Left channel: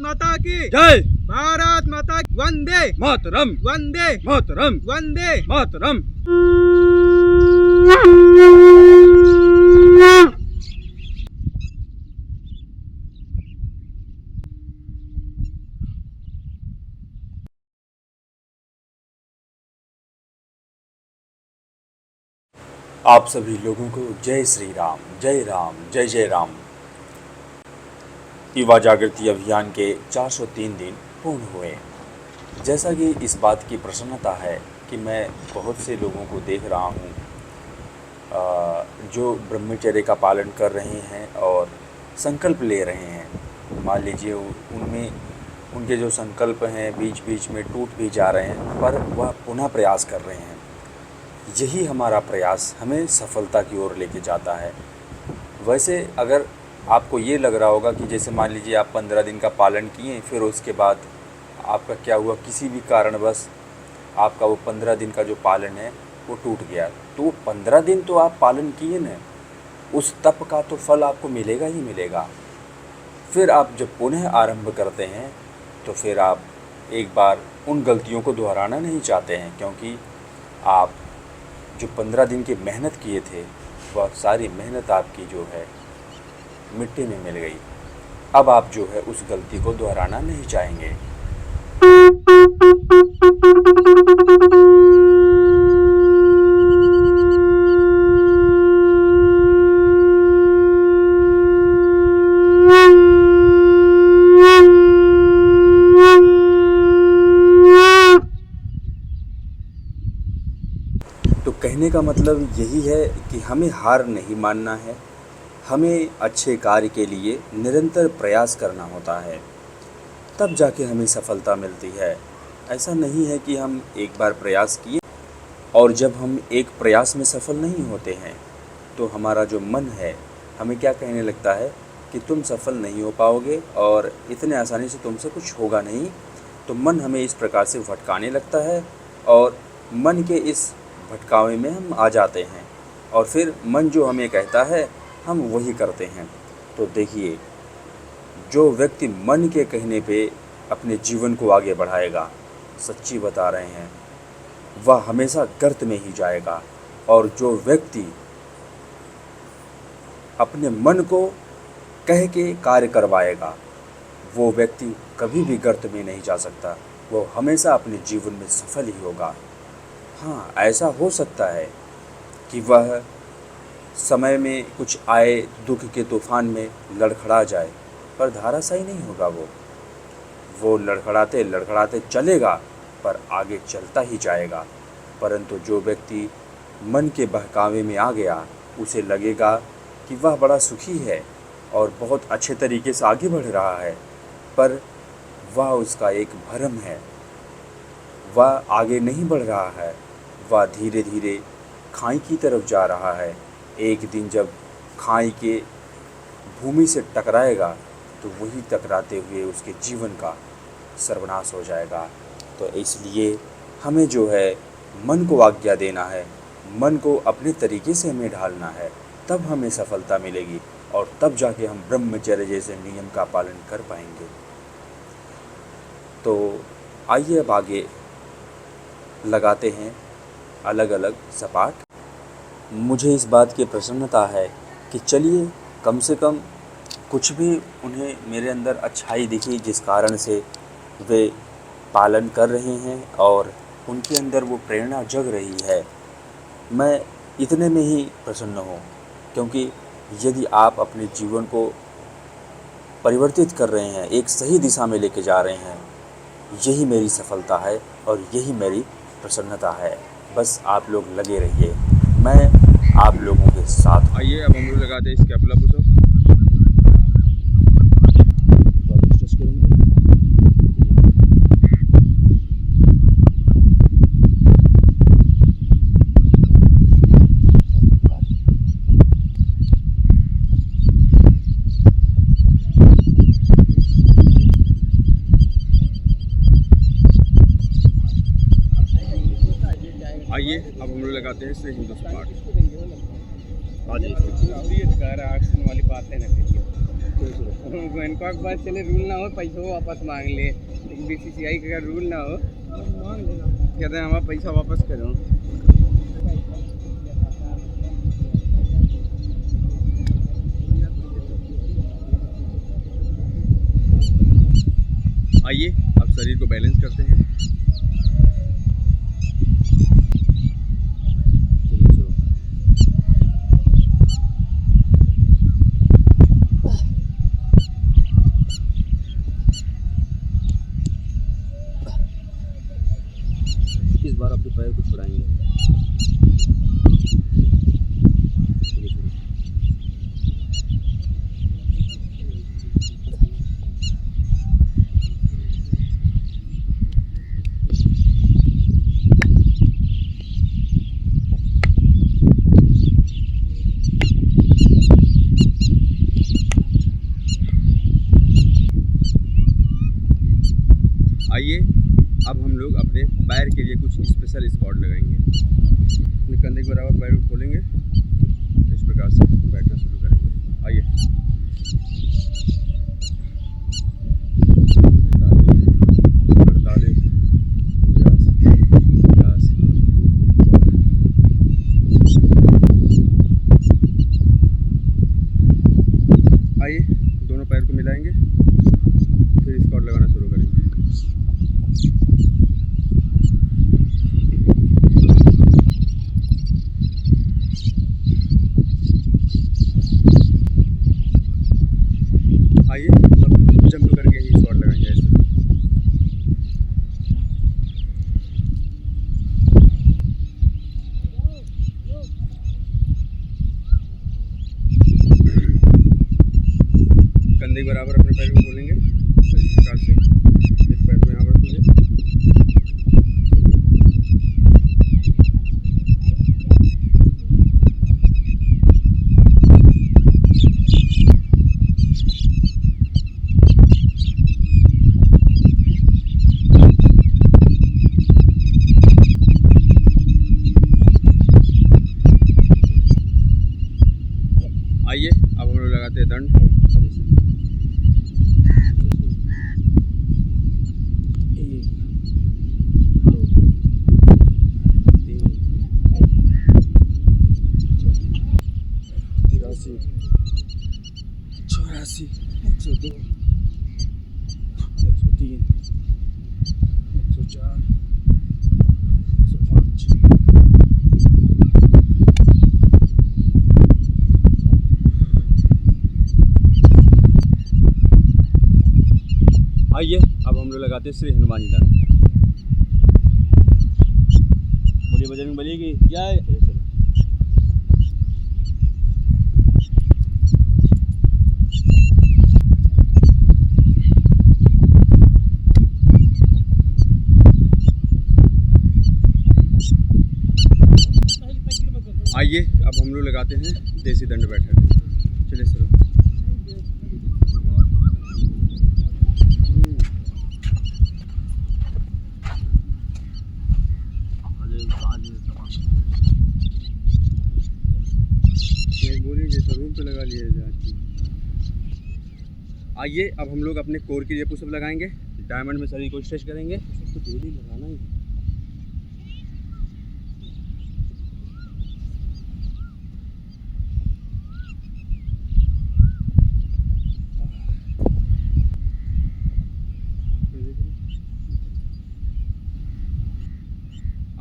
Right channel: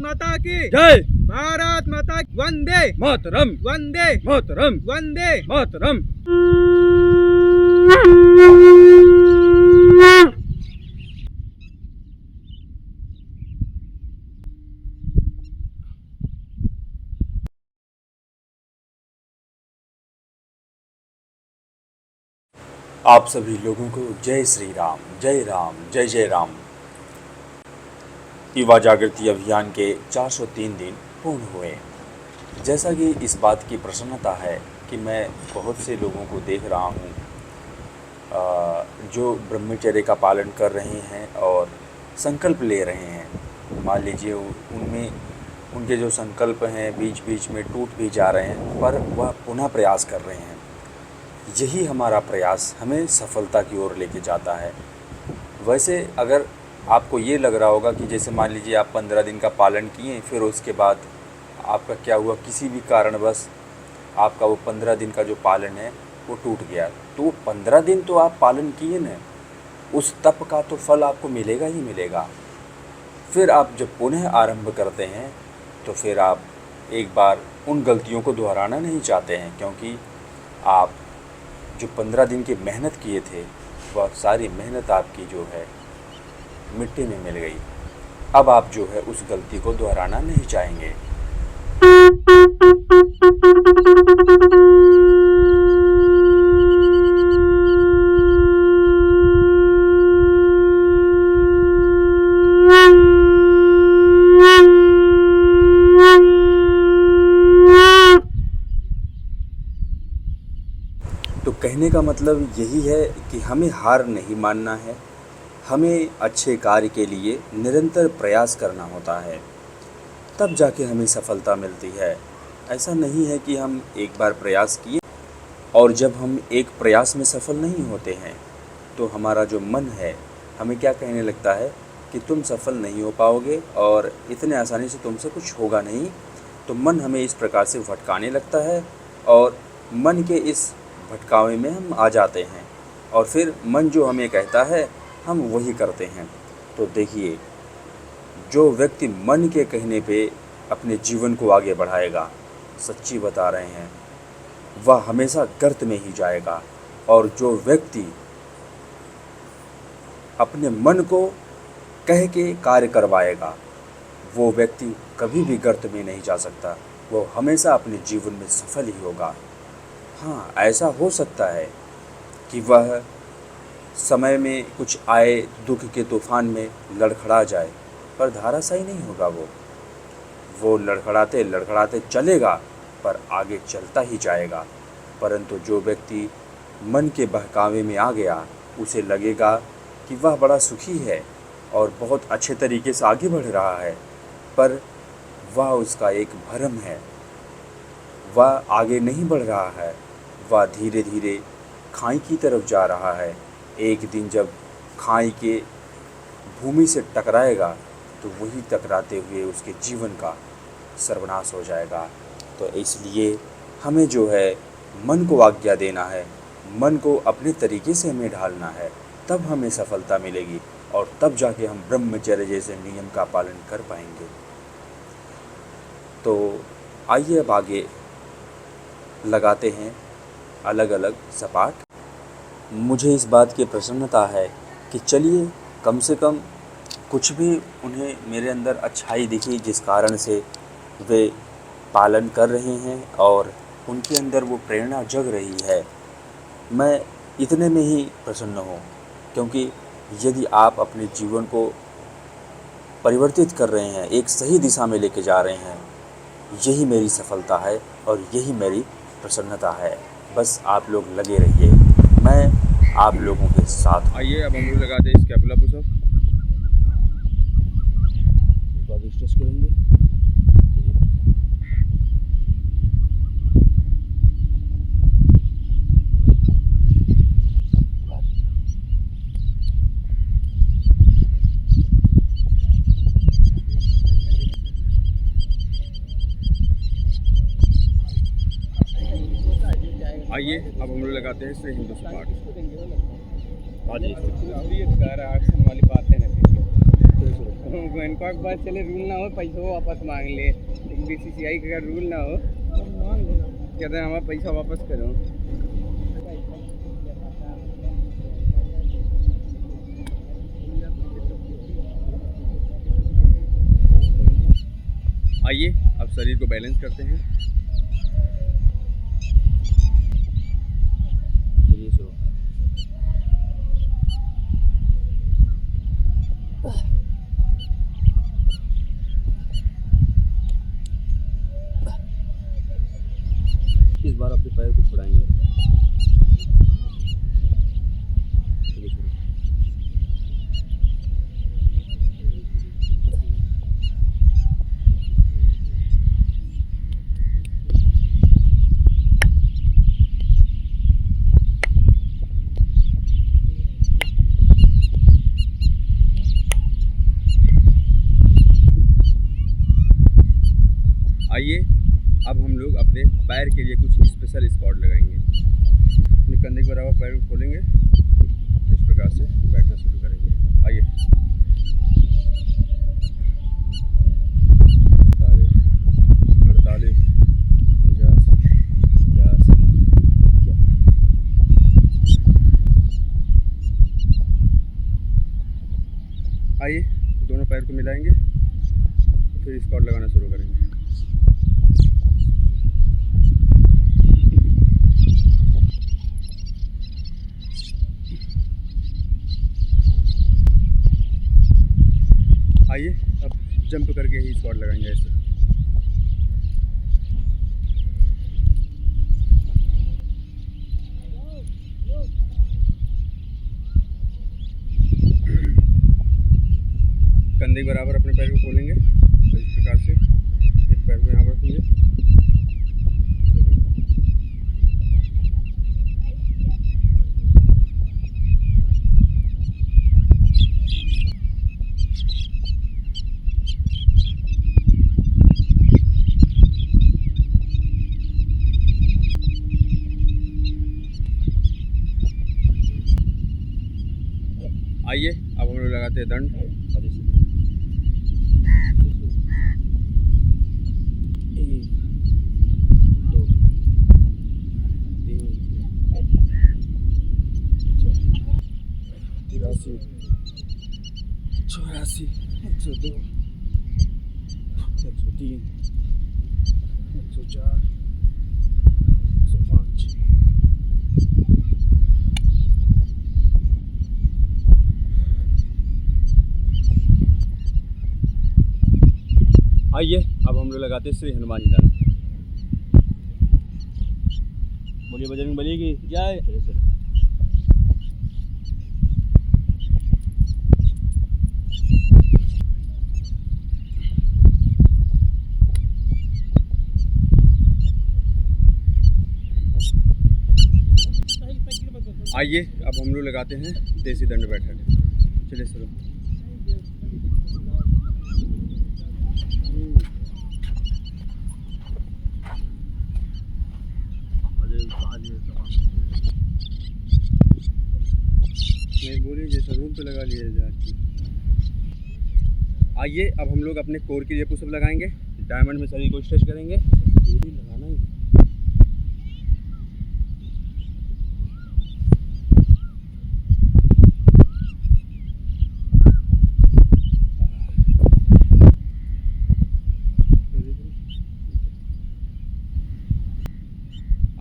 माता की जय। भारत माता की वंदे मातरम वंदे मातरम वंदे मातरम। आप सभी लोगों को जय श्री राम, जय राम, जय जय राम। युवा जागृति अभियान के 403 दिन पूर्ण हुए। जैसा कि इस बात की प्रसन्नता है कि मैं बहुत से लोगों को देख रहा हूँ जो ब्रह्मचर्य का पालन कर रहे हैं और संकल्प ले रहे हैं। मान लीजिए उनमें उनके जो संकल्प हैं बीच बीच में टूट भी जा रहे हैं, पर वह पुनः प्रयास कर रहे हैं। यही हमारा प्रयास हमें सफलता की ओर लेके जाता है। वैसे अगर आपको ये लग रहा होगा कि जैसे मान लीजिए आप 15 दिन का पालन किए, फिर उसके बाद आपका क्या हुआ, किसी भी कारणवश आपका वो 15 दिन का जो पालन है वो टूट गया, तो वो 15 दिन तो आप पालन किए न, उस तप का तो फल आपको मिलेगा ही मिलेगा। फिर आप जब पुनः आरंभ करते हैं तो फिर आप एक बार उन गलतियों को दोहराना नहीं चाहते हैं, क्योंकि आप जो 15 दिन की मेहनत किए थे वह सारी मेहनत आपकी जो है मिट्टी में मिल गई। अब आप जो है उस गलती को दोहराना नहीं चाहेंगे। तो कहने का मतलब यही है कि हमें हार नहीं मानना है, हमें अच्छे कार्य के लिए निरंतर प्रयास करना होता है, तब जाके हमें सफलता मिलती है। ऐसा नहीं है कि हम एक बार प्रयास किए और जब हम एक प्रयास में सफल नहीं होते हैं तो हमारा जो मन है हमें क्या कहने लगता है कि तुम सफल नहीं हो पाओगे और इतने आसानी से तुमसे कुछ होगा नहीं। तो मन हमें इस प्रकार से भटकाने लगता है और मन के इस भटकावे में हम आ जाते हैं और फिर मन जो हमें कहता है हम वही करते हैं। तो देखिए, जो व्यक्ति मन के कहने पे अपने जीवन को आगे बढ़ाएगा, सच्ची बता रहे हैं, वह हमेशा गर्त में ही जाएगा। और जो व्यक्ति अपने मन को कह के कार्य करवाएगा, वो व्यक्ति कभी भी गर्त में नहीं जा सकता, वो हमेशा अपने जीवन में सफल ही होगा। हाँ, ऐसा हो सकता है कि वह समय में कुछ आए दुख के तूफान में लड़खड़ा जाए, पर धराशायी नहीं होगा। वो लड़खड़ाते लड़खड़ाते चलेगा पर आगे चलता ही जाएगा। परंतु जो व्यक्ति मन के बहकावे में आ गया, उसे लगेगा कि वह बड़ा सुखी है और बहुत अच्छे तरीके से आगे बढ़ रहा है, पर वह उसका एक भ्रम है। वह आगे नहीं बढ़ रहा है, वह धीरे धीरे खाई की तरफ जा रहा है। एक दिन जब खाई के भूमि से टकराएगा तो वही टकराते हुए उसके जीवन का सर्वनाश हो जाएगा। तो इसलिए हमें जो है मन को आज्ञा देना है, मन को अपने तरीके से हमें ढालना है, तब हमें सफलता मिलेगी और तब जाके हम ब्रह्मचर्य जैसे नियम का पालन कर पाएंगे। तो आइए अब आगे लगाते हैं अलग अलग सपाट। मुझे इस बात की प्रसन्नता है कि चलिए कम से कम कुछ भी उन्हें मेरे अंदर अच्छाई दिखी, जिस कारण से वे पालन कर रहे हैं और उनके अंदर वो प्रेरणा जग रही है। मैं इतने में ही प्रसन्न हूँ, क्योंकि यदि आप अपने जीवन को परिवर्तित कर रहे हैं, एक सही दिशा में लेके जा रहे हैं, यही मेरी सफलता है और यही मेरी प्रसन्नता है। बस आप लोग लगे रहिए, मैं आप लोगों के साथ। आइए अब हम लोग लगाते हैं स्कैपुला पुशअप। स्ट्रेच करेंगे। आइए अब हम लोग लगाते हैं श्री हिंदू सपाट। वाली बातें ना करिए। चलिए शुरू। बैंकॉक बात चले रूल ना हो पैसा वापस मांग ले बीसीसीआई का रूल ना हो कहते हैं हमारा पैसा वापस करो। आइए अब शरीर को बैलेंस करते हैं। चलिए शुरू। इस बार अपने पैर को छुड़ाएंगे। चलिए शुरू। आइए अब हम लोग अपने पैर के लिए कुछ स्पेशल स्क्वाट लगाएंगे। अपने कंधे के बराबर पैर को खोलेंगे, इस प्रकार से बैठना शुरू करेंगे। आइए 48, 49, 50। आइए दोनों पैर को मिलाएंगे, फिर स्क्वाट लगाना शुरू करेंगे। आइए अब जंप करके ही स्क्वाट लगाएंगे ऐसे। कंधे के बराबर अपने पैर को खोलेंगे और इस प्रकार से एक पैर को यहाँ पर रखेंगे। आइए अब हम लोग लगाते हैं दंड। एक, दो, तीन, 84, 84, 102, 103, 104, 105। आइए अब हम लोग लगाते हैं श्री हनुमान जी दंड। बोलिए बजरंगबली की जय। चलिए चलिए। आइए अब हम लोग लगाते हैं देसी दंड बैठक। चलिए शुरू। बोलिए जैसा रूम पे लगा लिए जाती। आइए अब हम लोग अपने कोर के लिए पुशअप लगाएंगे। डायमंड में शरीर को स्ट्रेच करेंगे। डेली लगाना ही।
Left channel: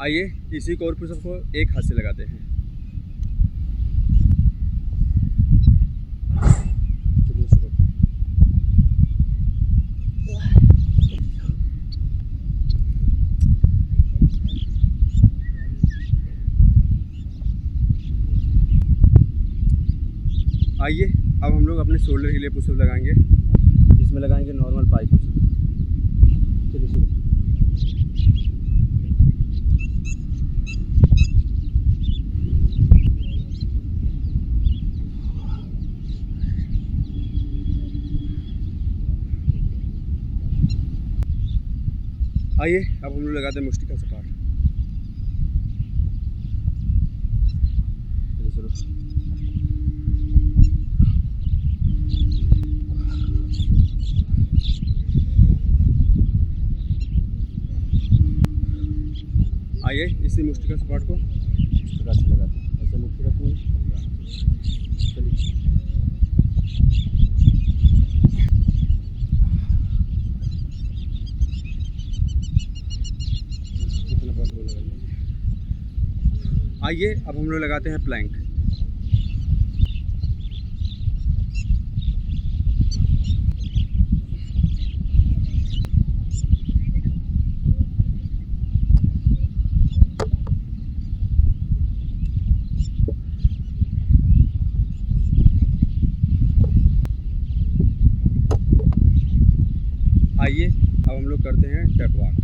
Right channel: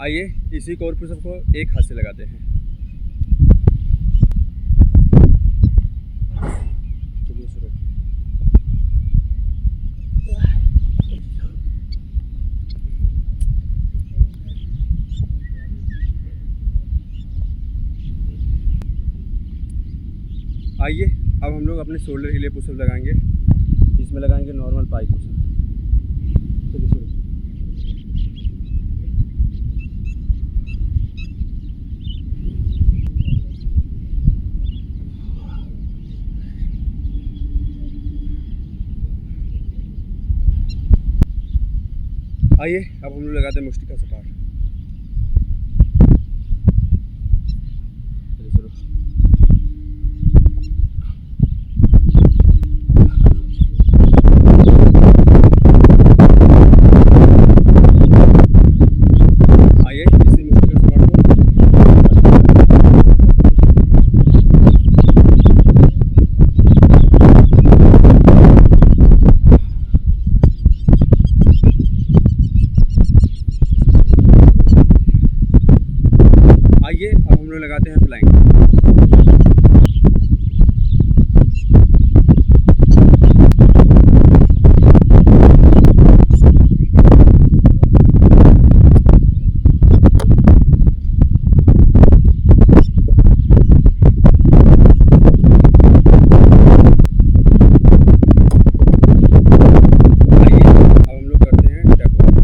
आइए इसी कोर पुशअप को एक हाथ से लगाते हैं। चलिए शुरू। आइए अब हम लोग अपने शोल्डर के लिए पुशअप लगाएंगे। इसमें लगाएंगे नॉर्मल पाइप पुशअप। चलिए शुरू। आइए अब हम लोग लगाते हैं मुष्टि का सपाट। चलिए शुरू। हम लोग लगाते हैं फ्लाइंग। आइए अब हम लोग करते हैं टैप वॉक।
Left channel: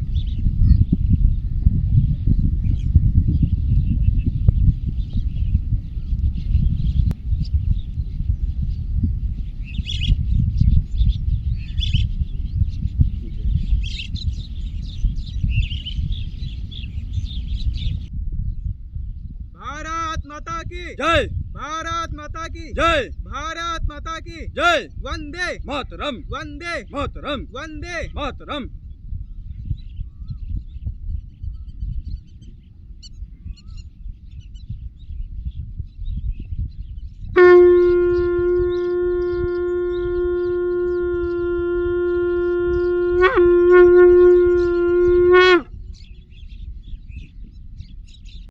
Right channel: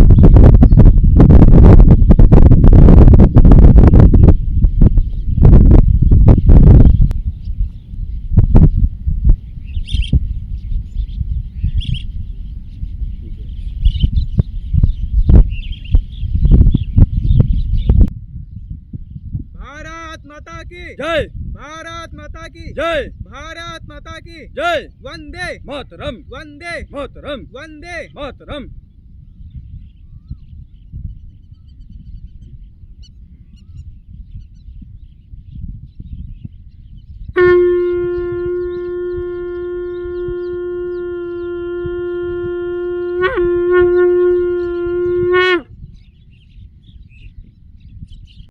भारत माता की जय भारत माता की जय भारत माता की जय वंदे मातरम वंदे मातरम वंदे मातरम।